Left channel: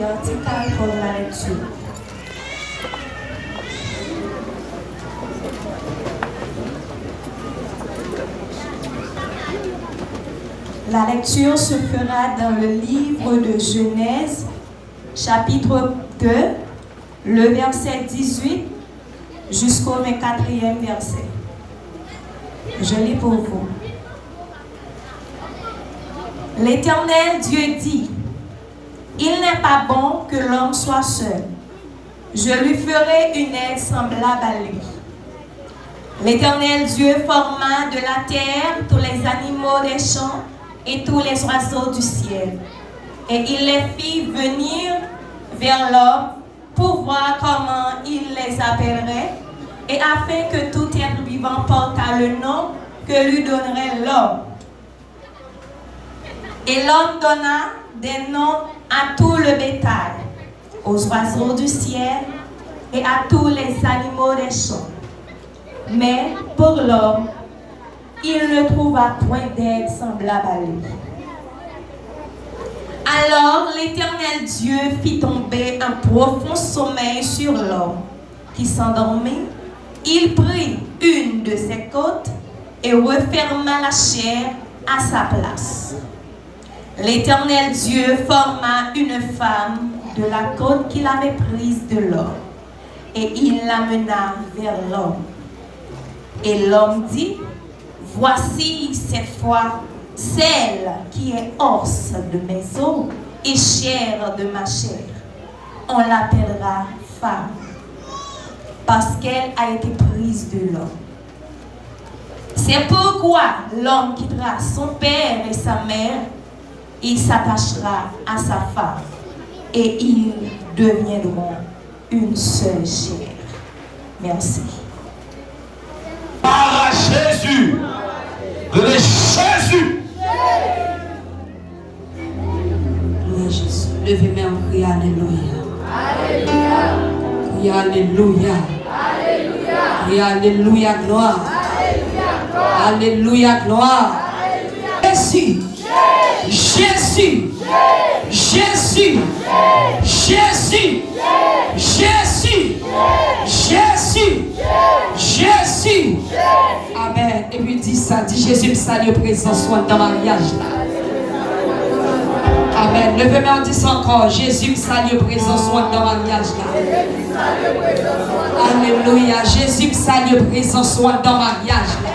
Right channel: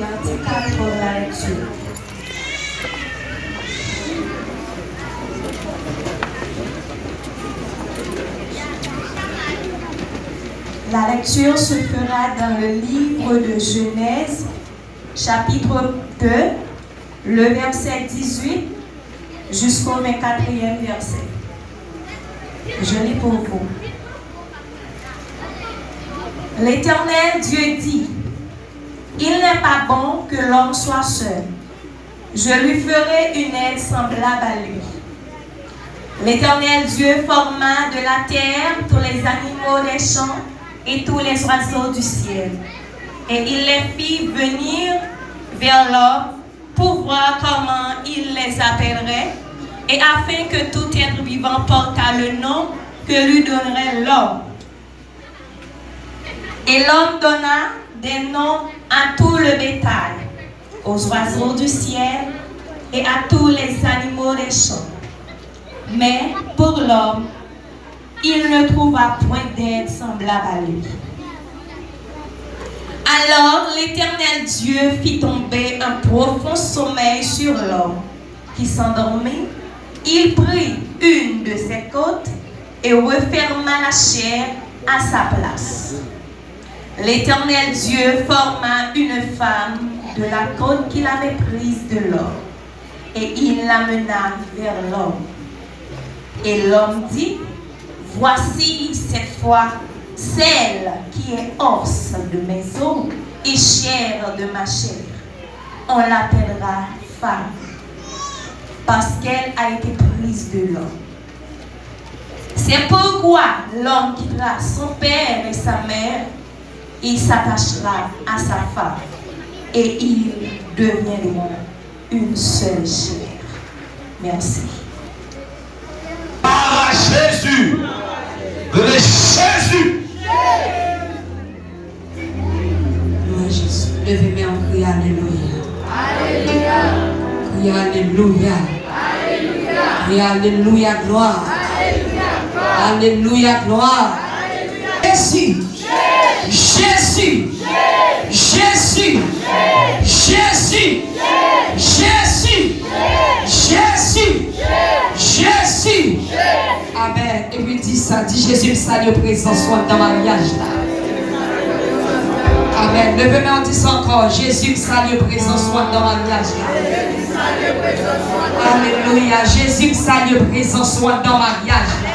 verticale pour la lecture. La lecture se fera dans le livre de Genèse, chapitre 2, le verset 18 jusqu'au 24e verset. Je lis pour vous. L'Éternel Dieu dit, « Il n'est pas bon que l'homme soit seul. Je lui ferai une aide semblable à lui. » L'Éternel Dieu forma de la terre tous les animaux des champs et tous les oiseaux du ciel. Et il les fit venir vers l'homme pour voir comment il les appellerait, et afin que tout être vivant portât le nom que lui donnerait l'homme. Et l'homme donna des noms à tout le bétail, aux oiseaux du ciel et à tous les animaux des champs. Mais pour l'homme, il ne trouva point d'aide semblable à lui. Alors l'Éternel Dieu fit tomber un profond sommeil sur l'homme, qui s'endormit. Il prit une de ses côtes et referma la chair à sa place. L'Éternel Dieu forma une femme de la côte qu'il avait prise de l'homme, et il l'amena vers l'homme. Et l'homme dit, « Voici cette fois celle qui est os de mes os et chair de ma chair. On l'appellera femme, parce qu'elle a été prise de l'homme. C'est pourquoi l'homme quittera son père et sa mère, il s'attachera à sa femme, et ils deviendront une seule chair. » Merci. Par Jésus, le Jésus. Jésus, levez-moi en prière, alléluia. Alléluia. Alléluia. Alléluia. Alléluia, gloire. Alléluia, gloire. Jésus. Jésus. Jésus. Jésus. Jésus. Jésus. Jésus. Amen. Et puis dit ça, dit Jésus, le salut présent soit dans le mariage là. Amen. Levez-moi en disant encore, Jésus, le salut présent soit dans le mariage là. Alléluia. Jésus, le salut présent soit dans le mariage là.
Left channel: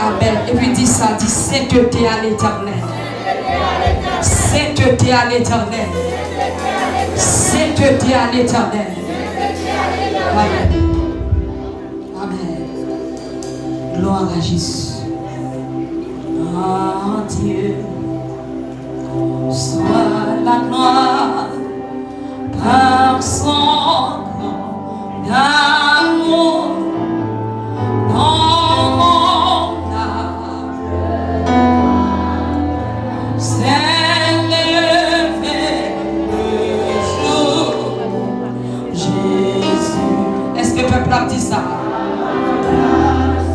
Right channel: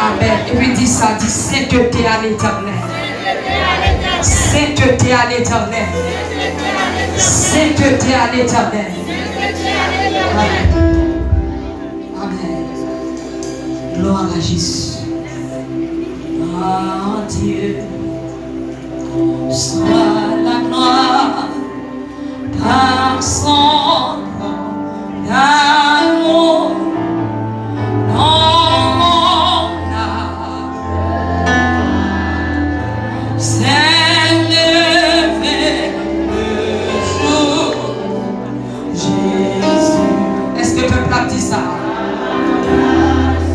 Amen. Et puis dit ça, dit sainteté à l'Éternel. Sainteté à l'Éternel. Sainteté à l'Éternel. Amen. Amen. Gloire à Jésus. Oh Dieu, soit la gloire par son nom d'amour.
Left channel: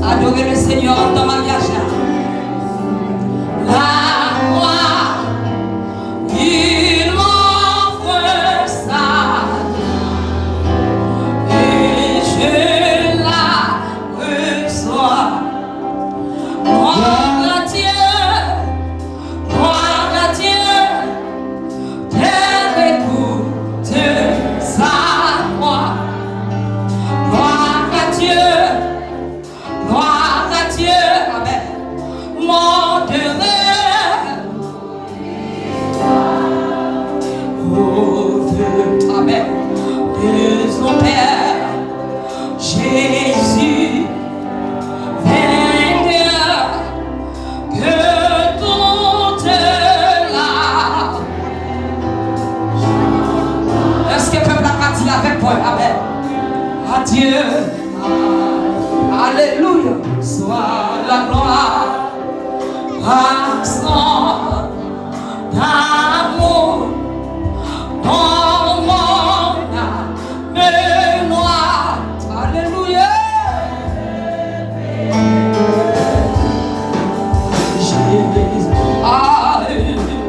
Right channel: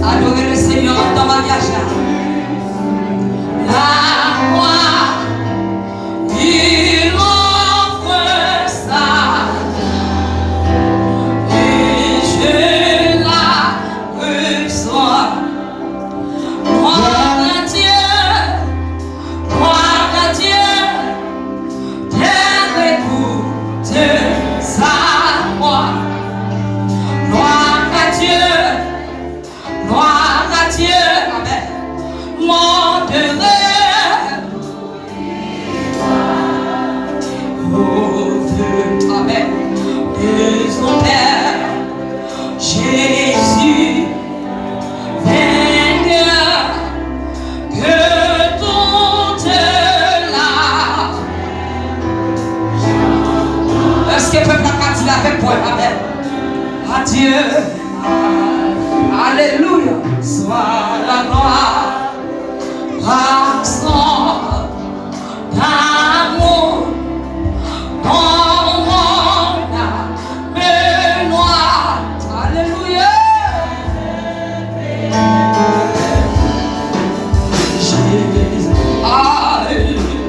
Adorez le Seigneur dans le mariage là. La gloire, il m'offre ça. Et je la reçois. Gloire à Dieu, Terre écoute sa voix. Gloire à Dieu. Gloire à Dieu, Amen. Mon demeure. Oh Dieu, Amen. De son Père, Jésus, vainqueur, que toute la. Est-ce que le peuple a dit avec moi, Amen? Adieu. Alléluia, soit la gloire par son amour dans mon âme et moi. Alléluia. Jésus. Alléluia.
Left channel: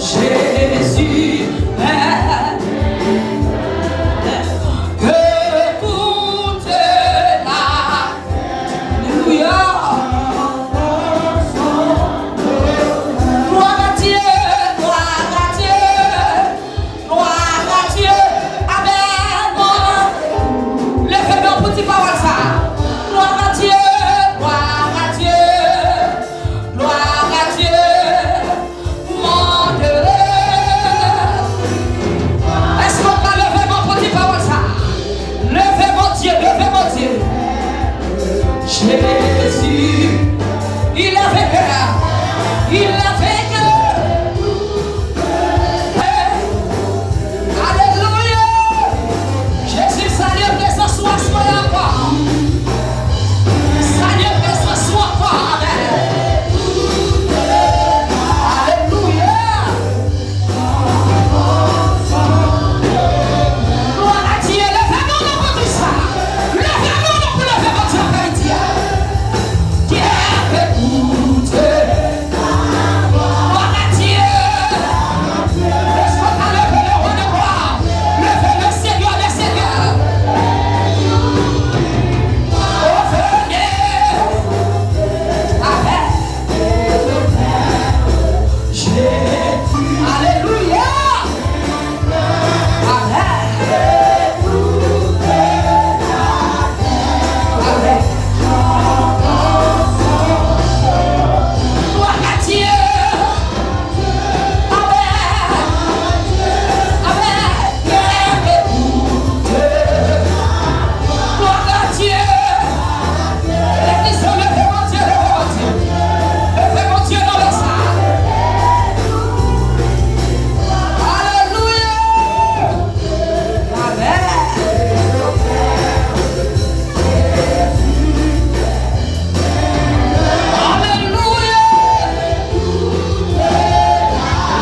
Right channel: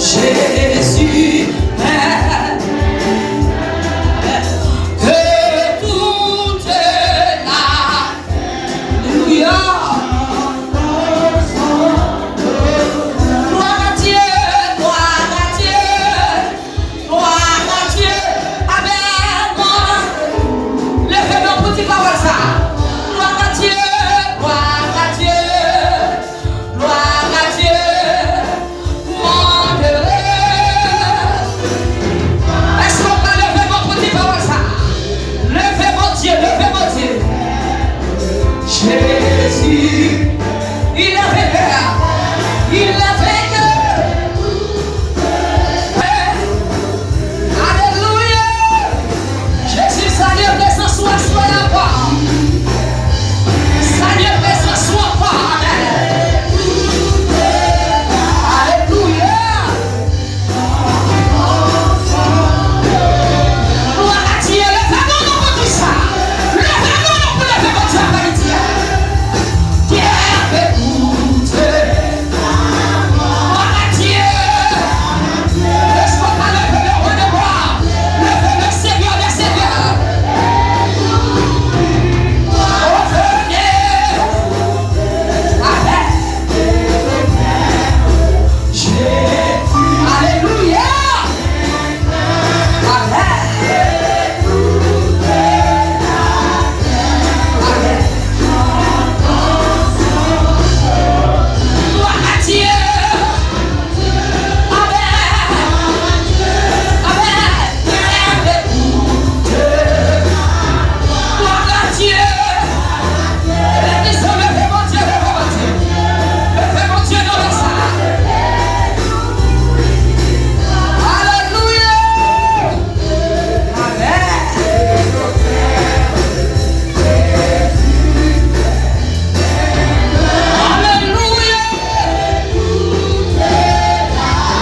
Jésus.